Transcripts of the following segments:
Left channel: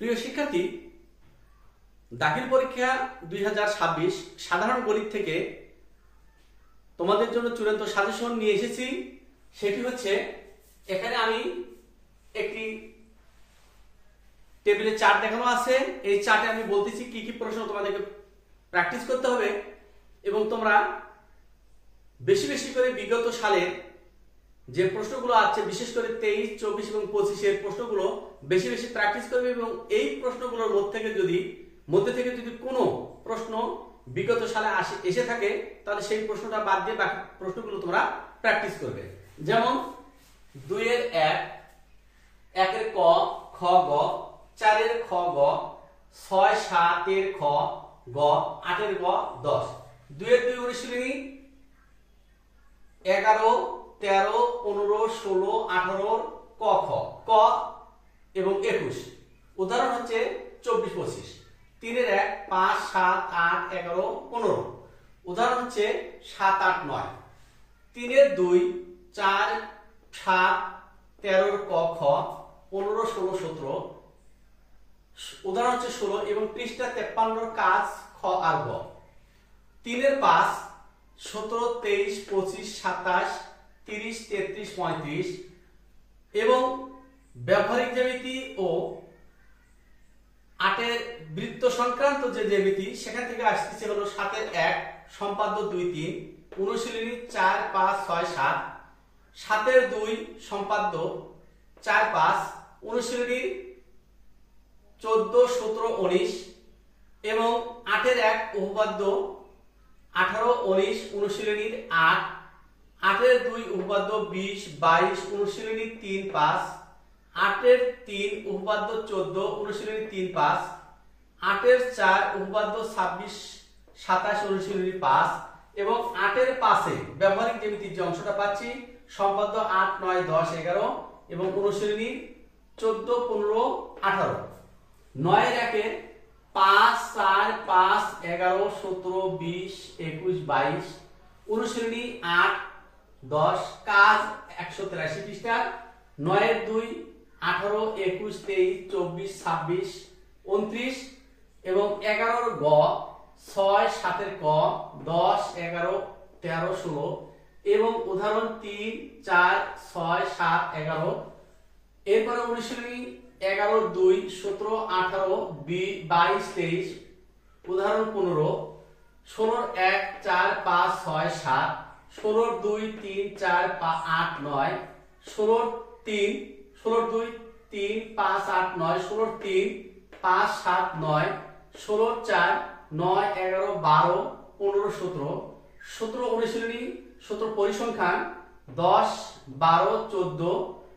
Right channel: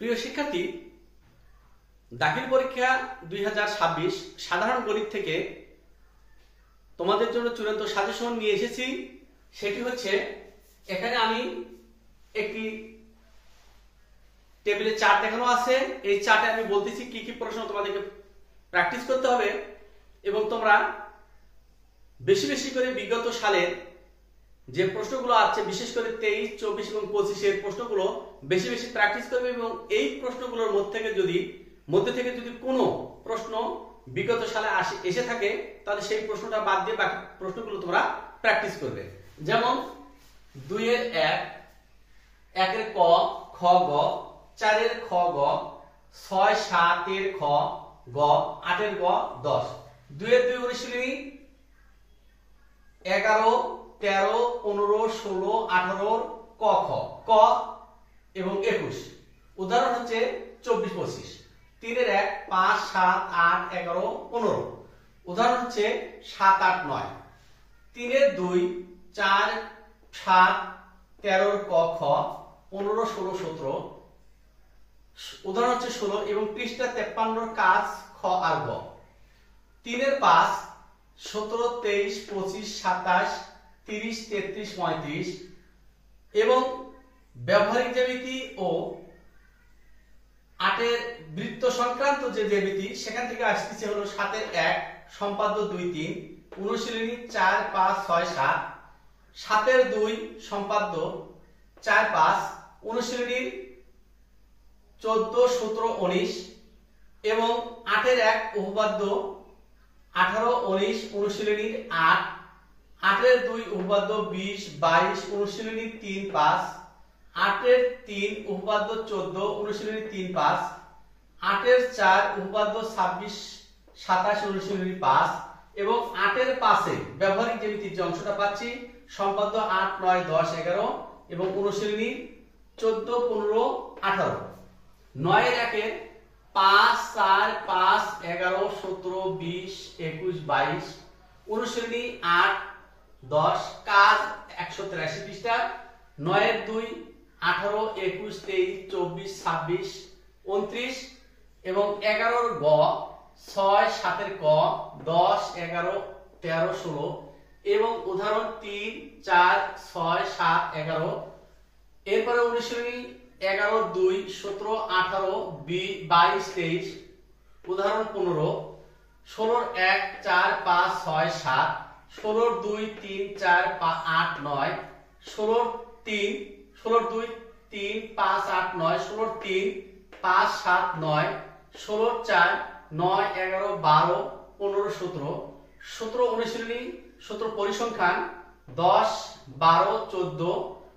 প্রিয় শিক্ষার্থী, দাখিল পরীক্ষা 2026 সাধারণ গণিত থেকে তোমাদের জন্য চূড়ান্ত সাজেশন নিয়ে এসেছি। সেটি হচ্ছে, এখানে আমি একটি টেবিলে চার্ট দেখানো আছে। এই চার্টে আমি বলতেছি কি কি প্রশ্ন তোমাদেরকে প্র্যাকটিস করতে হবে এবং তোমরা বেশি বেশি করে বিগত সালের যে প্রশ্নগুলো আছে, বিশেষ করে 23, 24 এবং 25 এর প্রশ্নগুলো বেশি বেশি প্র্যাকটিস করবে এবং এই প্রশ্নগুলোর মধ্যে থেকে যদি কোনো প্রশ্ন বিগত সালে এসে থাকে তাহলে সেই প্রশ্নটা বাদ দিয়ে বাকি প্রশ্নগুলো তোমরা প্র্যাকটিস করবে। যেমন 2 এর 1, 1 এর ক, খ, গ, 4 এর খ, গ, 6, 7 এর খ, গ, 8 এর গ, 10। 2 এর 2 অনুশীলনী 11, 13, 15, 16, 18 ক, খ, ক এবং 21। উদাহরণ হচ্ছে 24, 25। 3 এর 1, 5, 7, 8, 11, 15। উদাহরণ হচ্ছে 7, 8, 9। 3 এর 2, 4, 7, 13 ক, খ, 15, 16, 17। উদাহরণ হচ্ছে 16 এবং পৃষ্ঠা 53 কাজ খ আর গ। 3 এর 5, 17, 23, 25, 27, 30, 33, 35 এবং ব্যবহারিক জ্যামিতি ও 8 এর বৃত্ত সংক্রান্ত যে জ্যামিতি সেখান থেকে আসছে হলো 7 এর 1, সম্পাদ্য 2, 3, অনুশীলনী 4, 5, 6, 7। 7 এর 2, সম্পাদ্য 4, 5, অনুশীলনী 14, 17, 19 এবং 8 এর 1, উপপাদ্য 18, 19, অনুশীলনীর 8। 8 এর 2, উপপাদ্য 20, 22, অনুশীলনী 3, 5। 8 এর 3, উপপাদ্য 14, অনুশীলনী 3, 5। 8 এর 4, উপপাদ্য 26, 27, অনুশীলনী 5 এবং 8 এর 5 এ ব্যবহারিক জ্যামিতির যে অংশটা পাচ্ছি সম্পাদ্য 8, 9, 10, 11 এবং অনুশীলনী 14, 15, 18। 9 এর 1 এর 5, 4, 5, 11, 17, 20, 21, 22, অনুশীলনী 8, 10, কাজ 183 পৃষ্ঠা। 9 এর 2, 18, 21, 23, 24, 26, 29 এবং 11 এর গ, 6, 7 এর ক, 10, 11, 13, 16 এবং উদাহরণ 3, 4, 6, 7, 11। এরপরে অনুশীলনী 11, 2, 17, 18, 22, 23, উদাহরণ 15। 16 1, 4, 5, 6, 7, 16 2, 3, 4, 8, 9, 16 3, 16 2, 3, 5, 8, 9, 16 3, 5, 7, 9, 16 4, 9, 11, 12, 15, 17। 17 অনুশীলনী 17 পরিসংখ্যান 10, 12, 14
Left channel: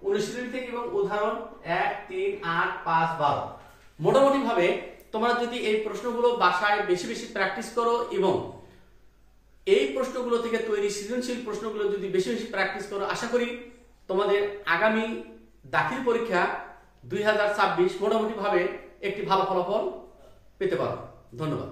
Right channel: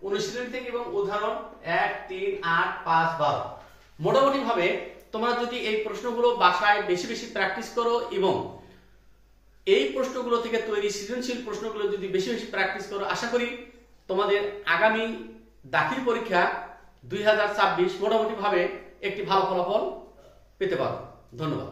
অনুশীলনী থেকে এবং উদাহরণ 1, 3, 8, 5, 12। মোটামুটি ভাবে তোমরা যদি এই প্রশ্নগুলো বাসায় বেশি বেশি প্র্যাকটিস করো এবং এই প্রশ্নগুলো থেকে তৈরি সৃজনশীল প্রশ্নগুলো যদি বেশি বেশি প্র্যাকটিস করো, আশা করি তোমাদের আগামী দাখিল পরীক্ষা 2026 মোটামুটি ভাবে একটি ভালো ফলাফল পেতে পারো। ধন্যবাদ।